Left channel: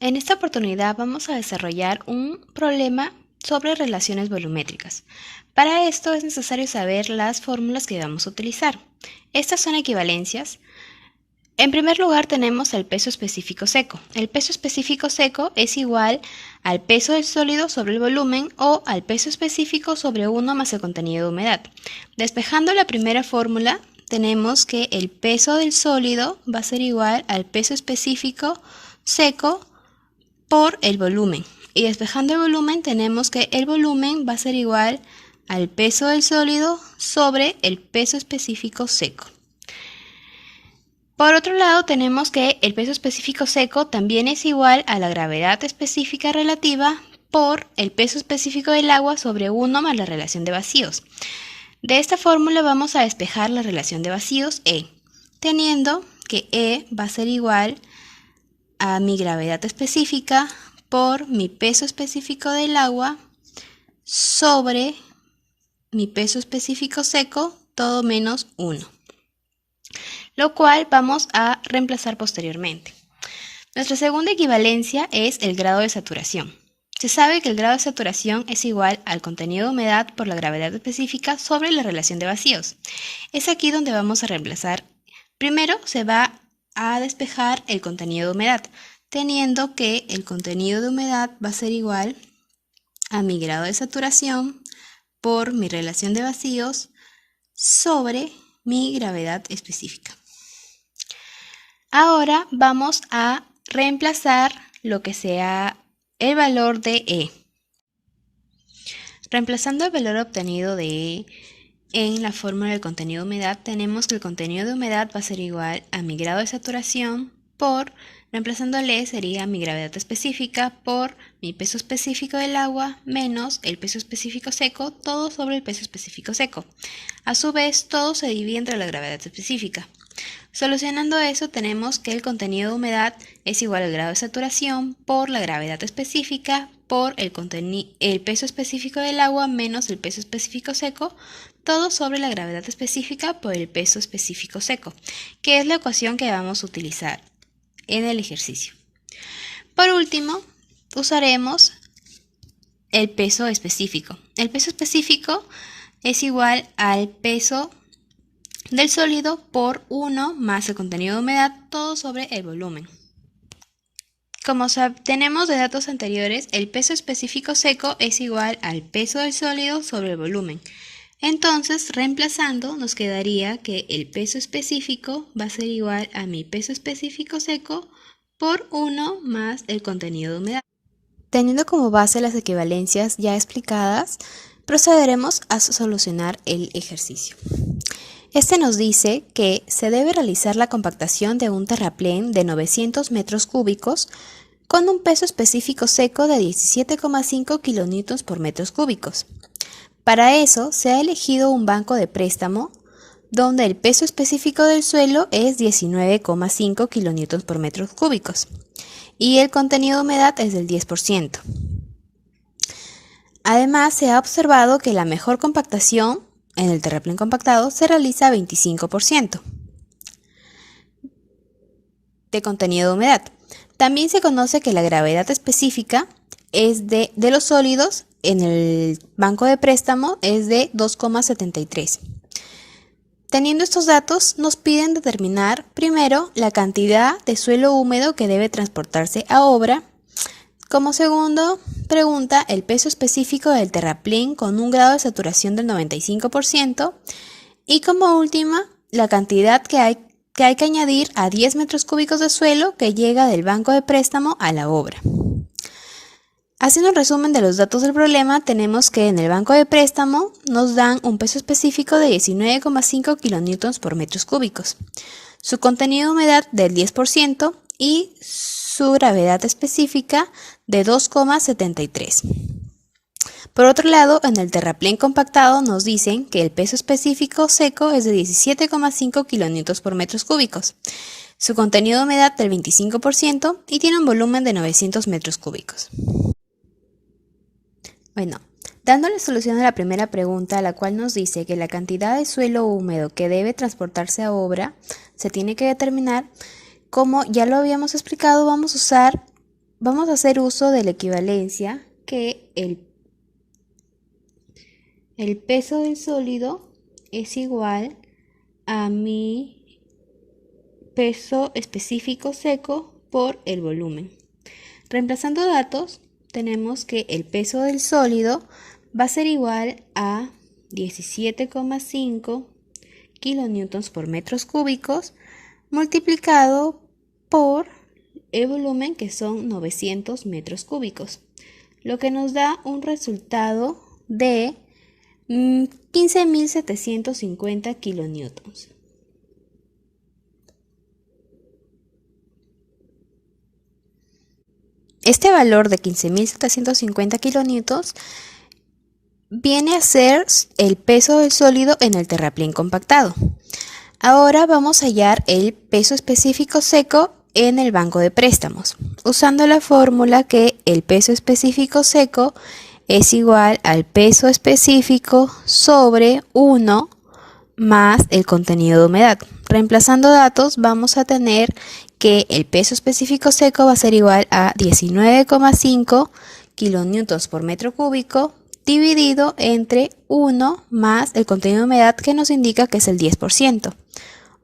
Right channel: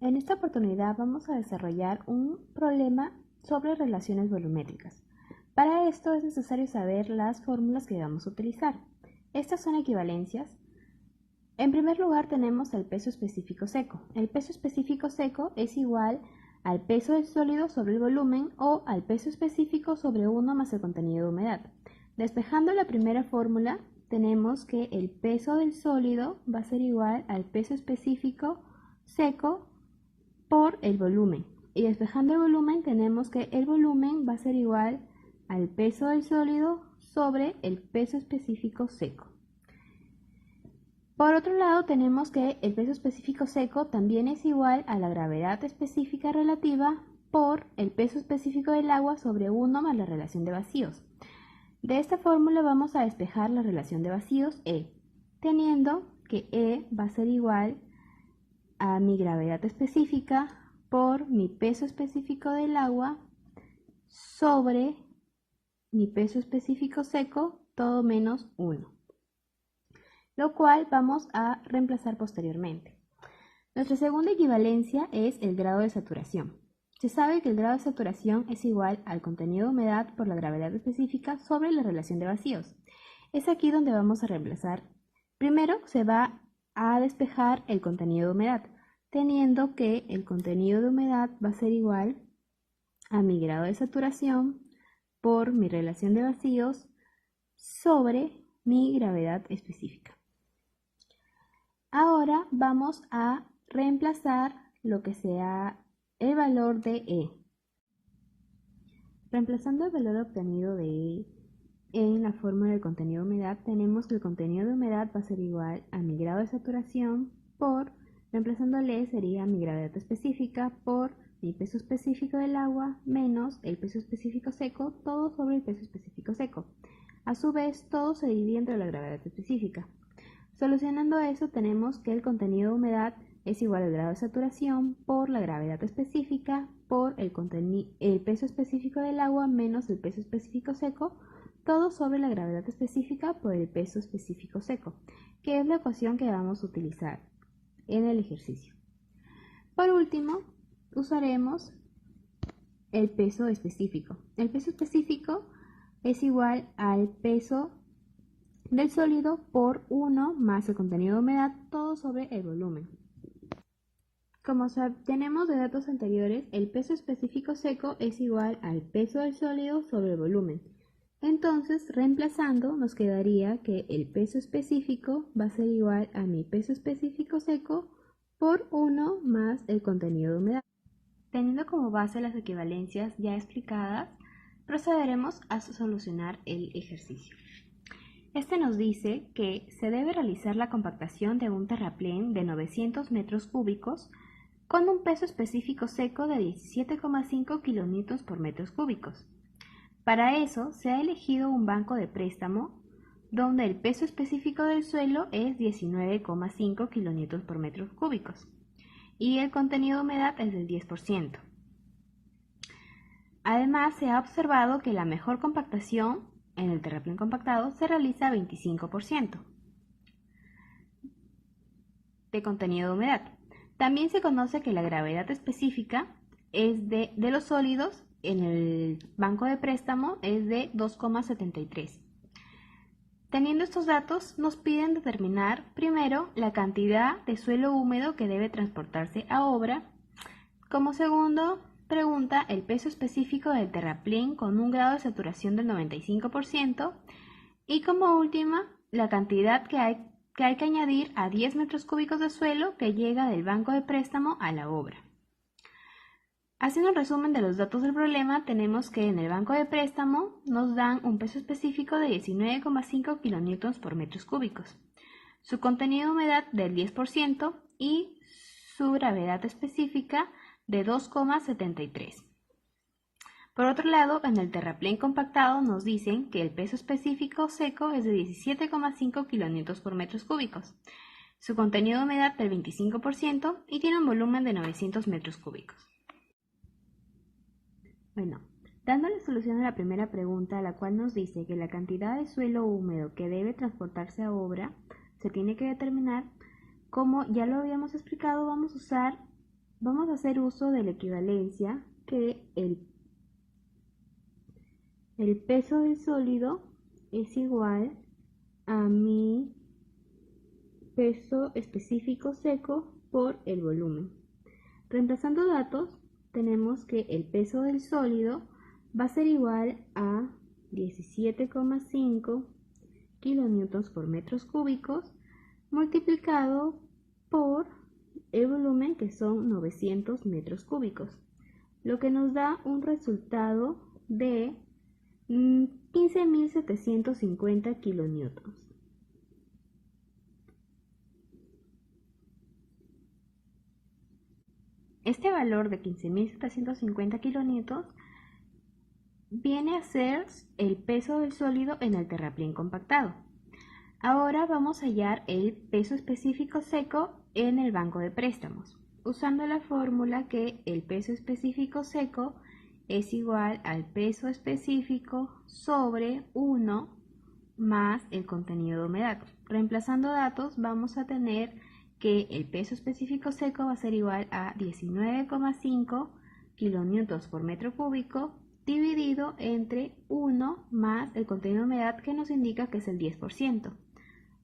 En esta oportunidad vamos a desarrollar un problema sobre relaciones volumétricas. Para esto es necesario saber las fórmulas que vamos a utilizar. Estas son equivalencias. En primer lugar tenemos el peso específico seco. El peso específico seco es igual al peso del sólido sobre el volumen o al peso específico sobre 1 más el contenido de humedad. Despejando la primera fórmula, tenemos que el peso del sólido va a ser igual al peso específico seco por el volumen. Y despejando el volumen tenemos que el volumen va a ser igual al peso del sólido sobre el peso específico seco. Por otro lado tenemos que el peso específico seco también es igual a la gravedad específica relativa por el peso específico del agua sobre 1 más la relación de vacíos. De esta fórmula vamos a despejar la relación de vacíos E, teniendo que E va a ser igual a mi gravedad específica por mi peso específico del agua sobre mi peso específico seco, todo menos 1, lo cual vamos a reemplazar posteriormente. Nuestra segunda equivalencia es el grado de saturación. Se sabe que el grado de saturación es igual al contenido de humedad por la gravedad específica sobre la relación de vacíos. Es aquí donde vamos a reemplazar. Primero se va a despejar el contenido de humedad, teniendo que el contenido de humedad va a ser igual a mi grado de saturación por mi relación de vacíos sobre mi gravedad específica. Ahora vamos a reemplazar lo que sea el valor de E. Reemplazando el valor obtenido de E en la fórmula del contenido de humedad, tenemos que el contenido de humedad va a ser igual a mi grado de saturación por, reemplazándole sería mi gravedad específica por mi peso específico del agua menos el peso específico seco, todo sobre el peso específico seco. A su vez, todo se divide entre la gravedad específica. Solucionando eso, tenemos que el contenido de humedad es igual al grado de saturación por la gravedad específica por el peso específico del agua menos el peso específico seco, todo sobre la gravedad específica por el peso específico seco, que es la ecuación que vamos a utilizar en el ejercicio. Por último, usaremos el peso específico. El peso específico es igual al peso del sólido por 1 más el contenido de humedad, todo sobre el volumen. Como tenemos de datos anteriores, el peso específico seco es igual al peso del sólido sobre el volumen. Entonces, reemplazando, nos quedaría que el peso específico va a ser igual a mi peso específico seco por 1 más el contenido de humedad. Teniendo como base las equivalencias ya explicadas, procederemos a solucionar el ejercicio. Este nos dice que se debe realizar la compactación de un terraplén de 900 metros cúbicos con un peso específico seco de 17,5 kilonewtons por metros cúbicos. Para eso se ha elegido un banco de préstamo donde el peso específico del suelo es 19,5 kilonewtons por metros cúbicos y el contenido de humedad es del 10%. Además, se ha observado que la mejor compactación en el terraplén compactado se realiza a 25% de contenido de humedad. También se conoce que la gravedad específica es de los sólidos en el banco de préstamo es de 2,73. Teniendo estos datos, nos piden determinar primero la cantidad de suelo húmedo que debe transportarse a obra. Como segundo pregunta, el peso específico del terraplén con un grado de saturación del 95%. Y como última, la cantidad que hay que añadir a 10 metros cúbicos de suelo que llega del banco de préstamo a la obra. Haciendo un resumen de los datos del problema, tenemos que en el banco de préstamo nos dan un peso específico de 19,5 kilonewtons por metros cúbicos, su contenido de humedad del 10% y su gravedad específica de 2,73. Por otro lado, en el terraplén compactado nos dicen que el peso específico seco es de 17,5 kilonewtons por metros cúbicos, su contenido de humedad del 25% y tiene un volumen de 900 metros cúbicos. Bueno, dándole solución a la primera pregunta, la cual nos dice que la cantidad de suelo húmedo que debe transportarse a obra se tiene que determinar. Como ya lo habíamos explicado, vamos a usar vamos a hacer uso de la equivalencia que el peso del sólido es igual a mi peso específico seco por el volumen. Reemplazando datos, tenemos que el peso del sólido va a ser igual a 17,5 kilonewtons por metros cúbicos multiplicado por el volumen, que son 900 metros cúbicos, lo que nos da un resultado de 15.750 kilonewtons. Este valor de 15.750 kilonewtons viene a ser el peso del sólido en el terraplén compactado. Ahora vamos a hallar el peso específico seco en el banco de préstamos, usando la fórmula que el peso específico seco es igual al peso específico sobre 1 más el contenido de humedad. Reemplazando datos, vamos a tener que el peso específico seco va a ser igual a 19,5 kilonewtons por metro cúbico dividido entre 1 más el contenido de humedad, que nos indica que es el 10%,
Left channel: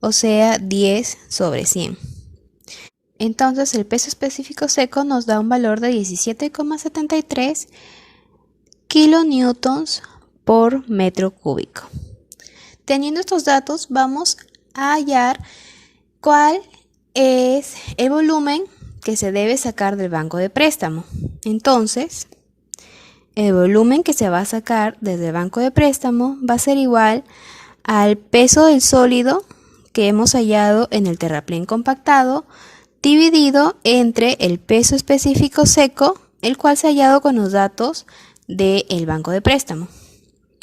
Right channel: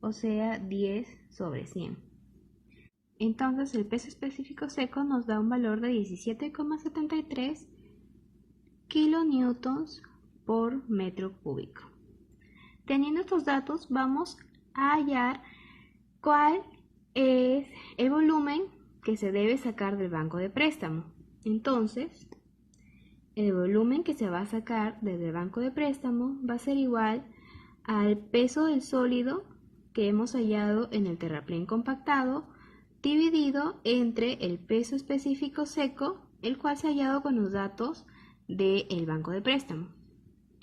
o sea 10 sobre 100. Entonces el peso específico seco nos da un valor de 17,73 kilonewtons por metro cúbico. Teniendo estos datos, vamos a hallar cuál es el volumen que se debe sacar del banco de préstamo. Entonces, el volumen que se va a sacar desde el banco de préstamo va a ser igual al peso del sólido que hemos hallado en el terraplén compactado dividido entre el peso específico seco, el cual se ha hallado con los datos del banco de préstamo.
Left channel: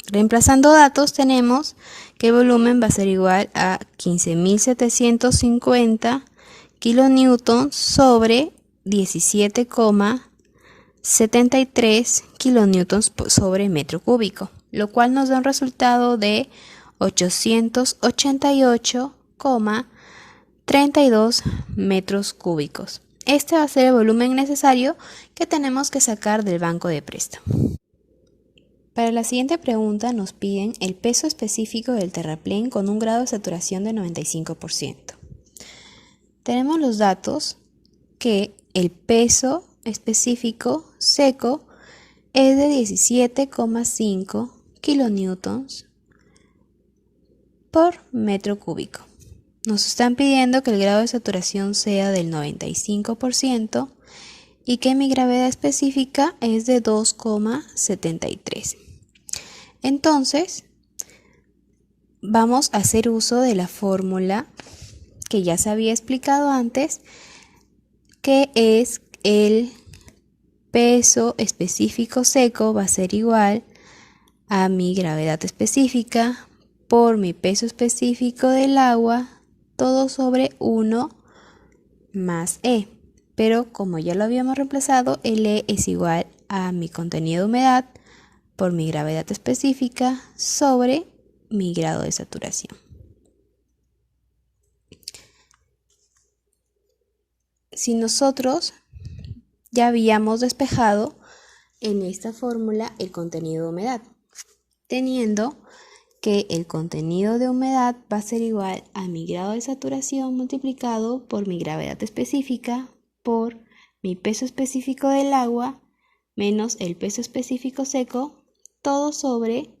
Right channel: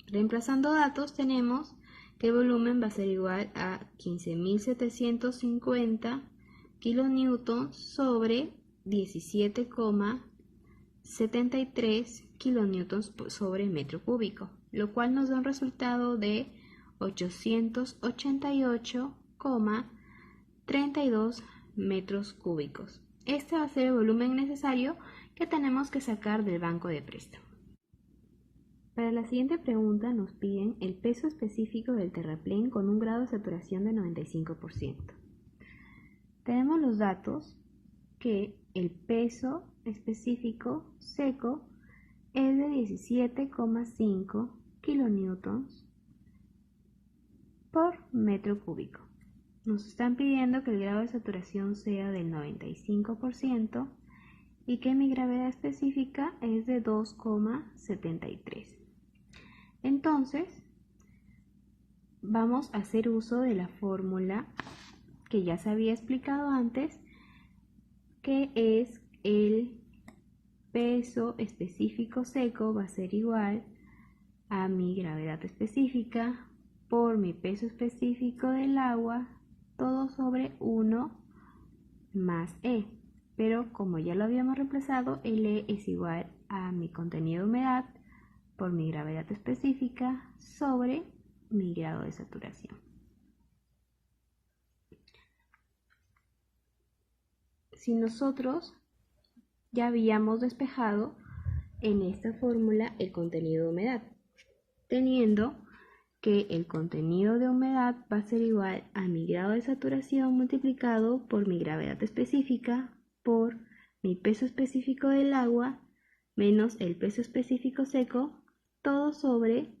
Reemplazando datos, tenemos que el volumen va a ser igual a 15.750 kilonewtons sobre 17,73 kilonewtons sobre metro cúbico, lo cual nos da un resultado de 888,32 metros cúbicos. Este va a ser el volumen necesario que tenemos que sacar del banco de préstamo. Para la siguiente pregunta nos piden el peso específico del terraplén con un grado de saturación de 95%. Tenemos los datos que el peso específico seco es de 17,5 kilonewtons por metro cúbico. Nos están pidiendo que el grado de saturación sea del 95% y que mi gravedad específica es de 2,73. Entonces, vamos a hacer uso de la fórmula que ya se había explicado antes, que es el peso específico seco va a ser igual a mi gravedad específica por mi peso específico del agua, todo sobre 1 más E. Pero como ya lo habíamos reemplazado, el E es igual a mi contenido de humedad por mi gravedad específica sobre mi grado de saturación. Si nosotros ya habíamos despejado en esta fórmula el contenido de humedad, teniendo que el contenido de humedad va a ser igual a mi grado de saturación multiplicado por mi gravedad específica por mi peso específico del agua menos el peso específico seco, todo sobre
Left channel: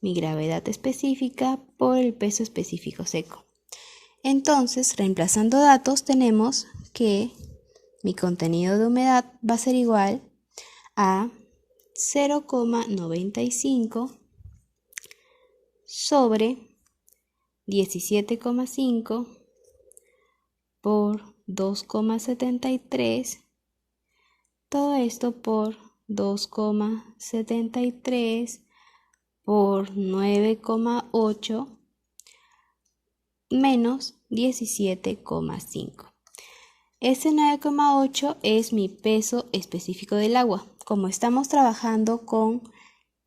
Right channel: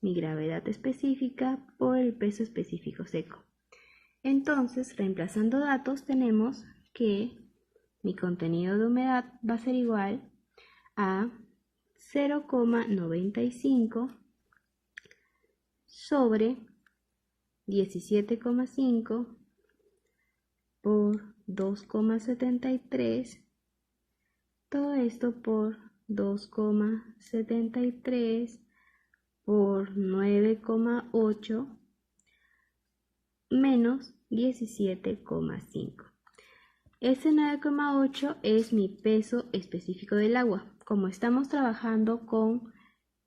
mi gravedad específica por el peso específico seco. Entonces, reemplazando datos, tenemos que mi contenido de humedad va a ser igual a 0,95 sobre 17,5 por 2,73, todo esto por 2,73 por 9,8 menos 17,5. Este 9,8 es mi peso específico del agua. Como estamos trabajando con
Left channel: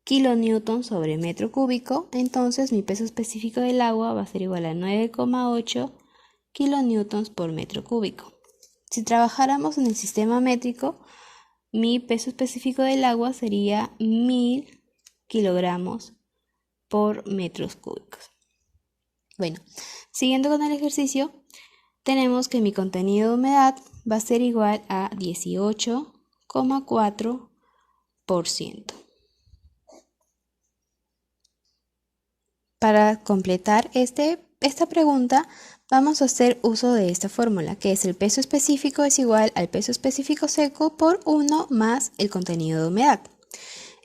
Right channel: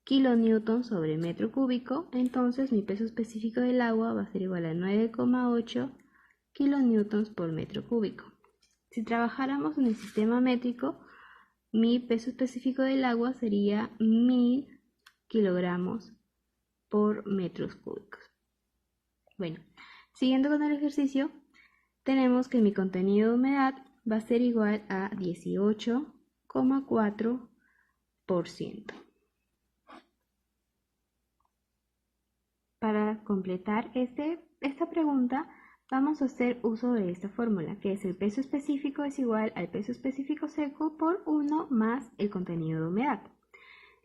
kilonewtons sobre metro cúbico, entonces mi peso específico del agua va a ser igual a 9,8 kilonewtons por metro cúbico. Si trabajáramos en el sistema métrico, mi peso específico del agua sería 1000 kilogramos por metros cúbicos. Bueno, siguiendo con el ejercicio, tenemos que mi contenido de humedad va a ser igual a 18,4%. Para completar esta pregunta, vamos a hacer uso de esta fórmula, que es el peso específico es igual al peso específico seco por 1 más el contenido de humedad.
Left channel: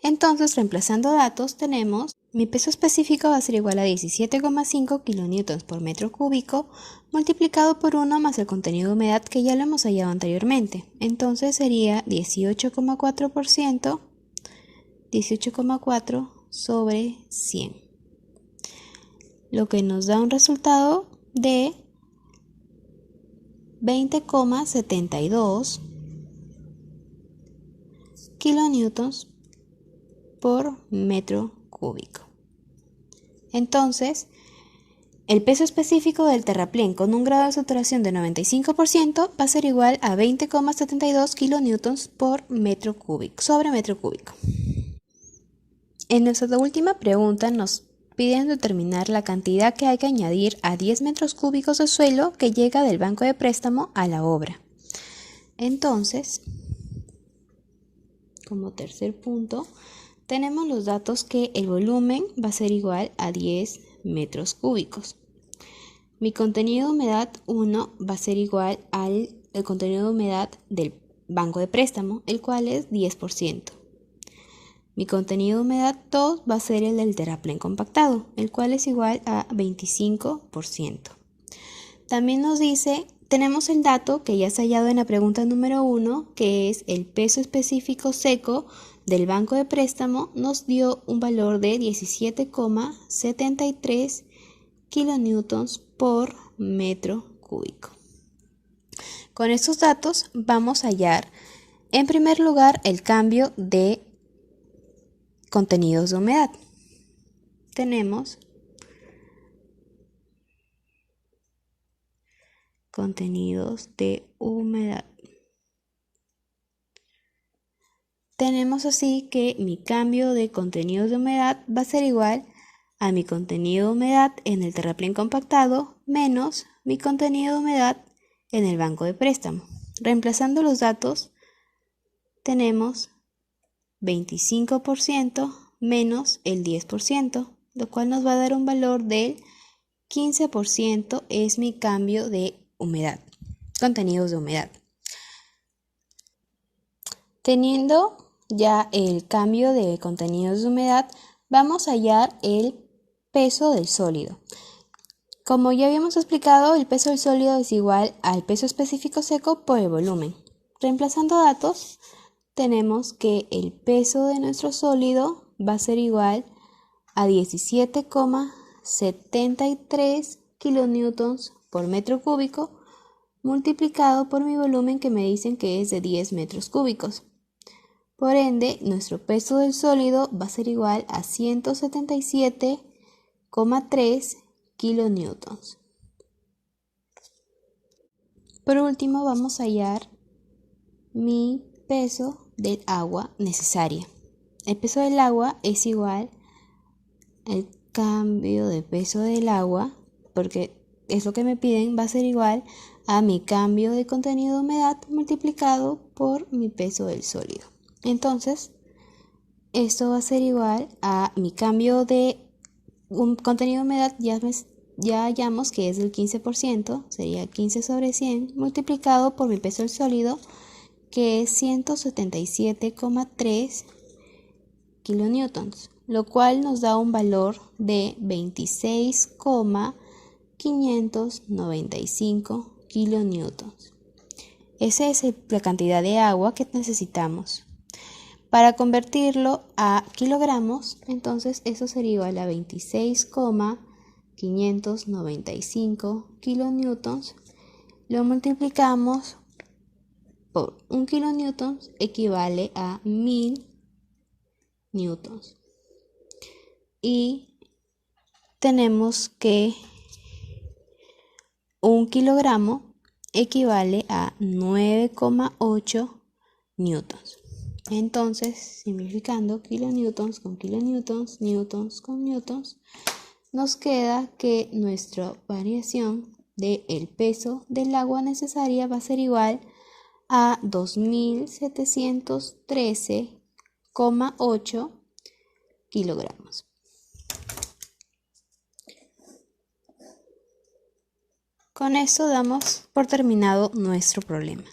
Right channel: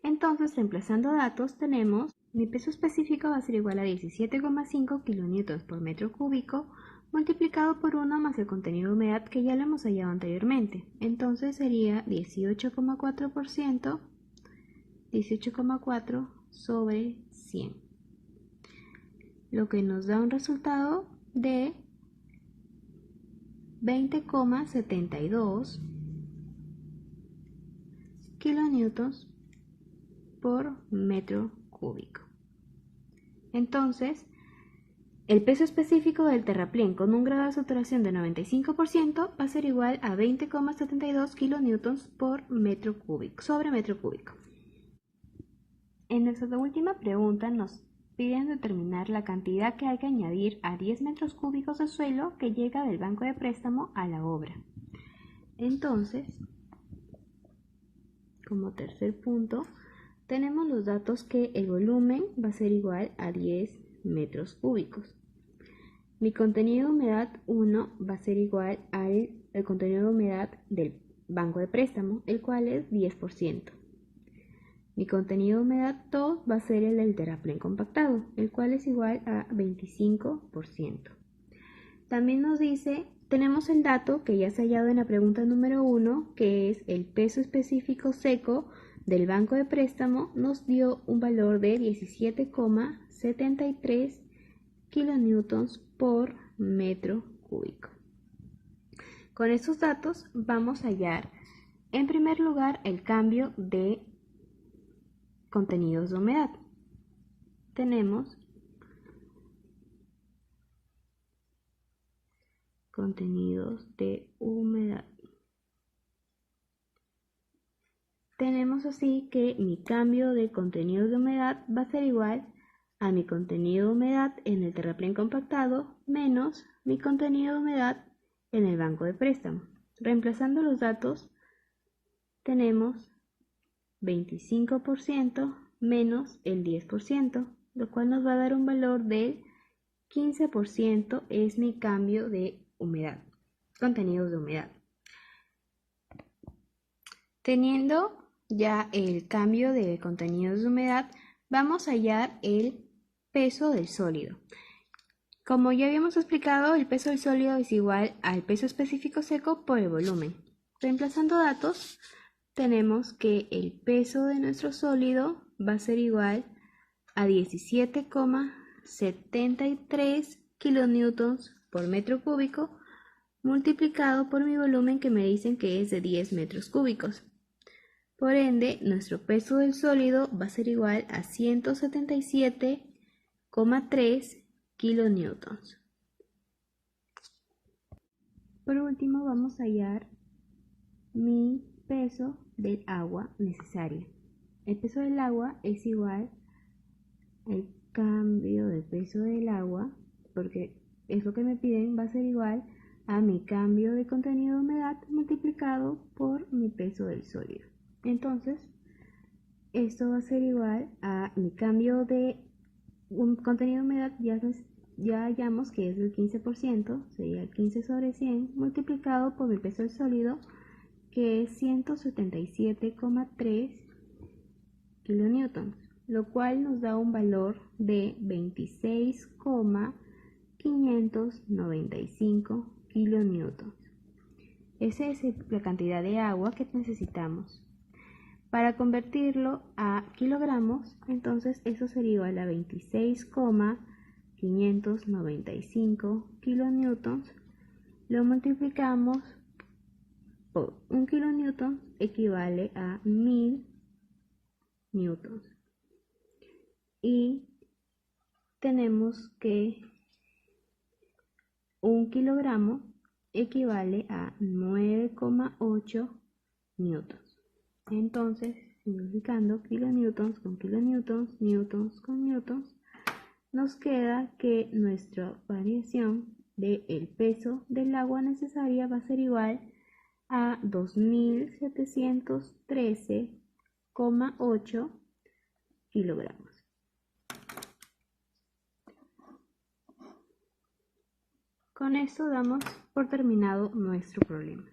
Entonces, reemplazando datos, tenemos mi peso específico va a ser igual a 17,5 kilonewtons por metro cúbico multiplicado por 1 más el contenido de humedad que ya lo hemos hallado anteriormente. Entonces sería 18,4%, 18,4 sobre 100. Lo que nos da un resultado de 20,72 kilonewtons por metro cúbico. Entonces, el peso específico del terraplén con un grado de saturación de 95% va a ser igual a 20,72 kilonewtons por metro cúbico, sobre metro cúbico. En nuestra última pregunta nos piden determinar la cantidad que hay que añadir a 10 metros cúbicos de suelo que llega del banco de préstamo a la obra. Entonces, como tercer punto, tenemos los datos que el volumen va a ser igual a 10 metros cúbicos. Mi contenido de humedad 1 va a ser igual al contenido de humedad del banco de préstamo, el cual es 10%. Mi contenido de humedad 2 va a ser el del terraplén compactado, el cual es igual a 25%. También nos dice, tenemos el dato que ya se ha hallado en la pregunta número 1, que es el peso específico seco del banco de préstamo, nos dio un valor de 17,73 kilonewtons por metro cúbico. Con estos datos vamos a hallar, en primer lugar, el cambio de contenidos de humedad. Tenemos contenidos de humedad. Tenemos así que mi cambio de contenidos de humedad va a ser igual a mi contenido de humedad en el terraplén compactado menos mi contenido de humedad en el banco de préstamo. Reemplazando los datos, tenemos 25% menos el 10%, lo cual nos va a dar un valor del 15% es mi cambio de humedad, contenidos de humedad. Teniendo ya el cambio de contenidos de humedad, vamos a hallar el peso del sólido. Como ya habíamos explicado, el peso del sólido es igual al peso específico seco por el volumen. Reemplazando datos, tenemos que el peso de nuestro sólido va a ser igual a 17,73 kilonewtons por metro cúbico multiplicado por mi volumen que me dicen que es de 10 metros cúbicos. Por ende, nuestro peso del sólido va a ser igual a 177,3 kilonewtons. Por último, vamos a hallar mi peso del agua necesaria. El peso del agua es igual al cambio de peso del agua, porque es lo que me piden, va a ser igual a mi cambio de contenido de humedad multiplicado por mi peso del sólido. Entonces, esto va a ser igual a mi cambio de un contenido de humedad, ya hallamos que es del 15%, sería 15 sobre 100, multiplicado por mi peso del sólido, que es 177,3 kilonewtons, lo cual nos da un valor de 26,595 kilonewtons. Esa es la cantidad de agua que necesitamos. Para convertirlo a kilogramos, entonces eso sería igual a 26,595 kilonewtons. Lo multiplicamos por 1 kilonewton, equivale a 1000 newtons. Y tenemos que 1 kilogramo equivale a 9,8 newtons. Entonces, simplificando kilonewtons con kilonewtons, newtons con newtons, nos queda que nuestra variación del peso del agua necesaria va a ser igual a 2713,8 kilogramos. Con esto damos por terminado nuestro problema.